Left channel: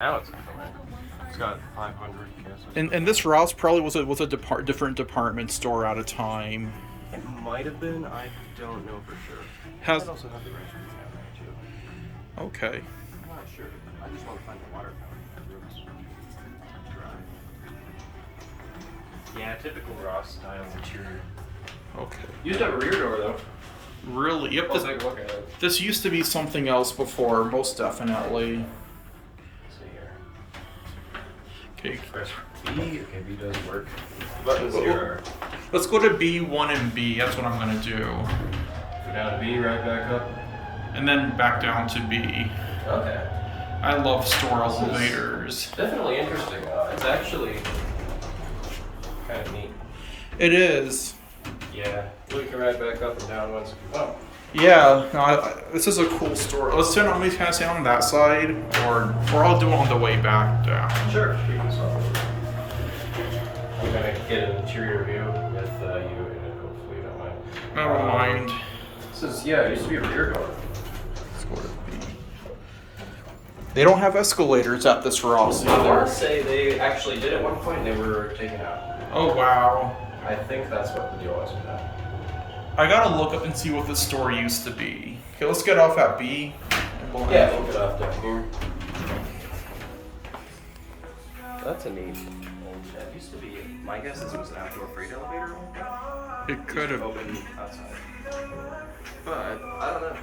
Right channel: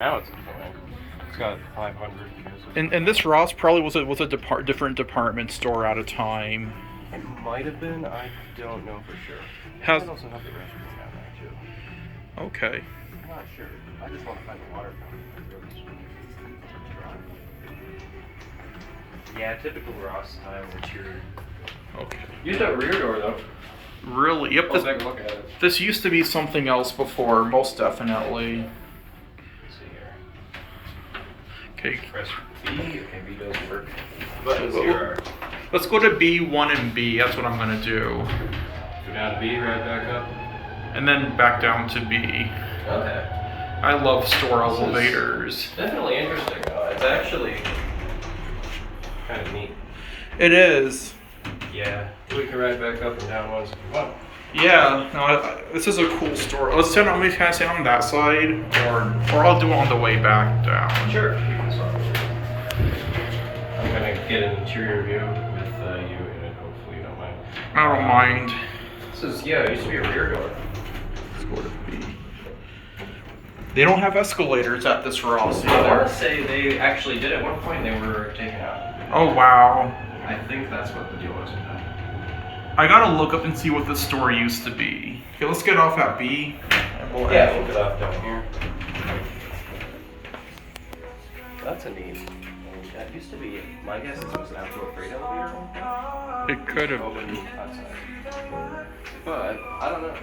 Now it's got 500. And this Ross probably was a different department store at a time. It might have been. I don't know for sure. Has It also have the restaurant down there too. okay. I'm not sure. I just want to find the water fountain. Yeah, typical Ross style interior. Okay. Used to have a rear door though. Really? Yep. Let's take a look at it. This used to be something else before, most definitely. Let's see here. Okay. Press B. Okay, B does work. Buttons here are. Let's go to B1 and B. That's what I'm gonna do. Go down to B, right back up. And then back down to B. Okay. I love store This is elevators. Definitely interesting though. It's actually kind of neat. It is. Yeah. We can ride back up and down once if you want. Yeah. No, this is a cool store. Let's stand on. We kind of stand on that side, or I'll do it on the way back down. Sure. Keep this on. I'm gonna get an interior view with you in it. Hopefully you don't mind. I don't mind. This is it used to be a rear door. Let's go to B. They don't have escalators at this Ross I want to either. say they actually did at one point. They were taken out. Oh wow. I think that's what the deal was with that. I gotta look up and see what this store used to be. Okay, let's get off at B. And we'll Yeah, we'll get off down here. That's a neat. That used to be. My guess is it was an actual freight elevator at one point. It could have Open been. outside. But I don't know.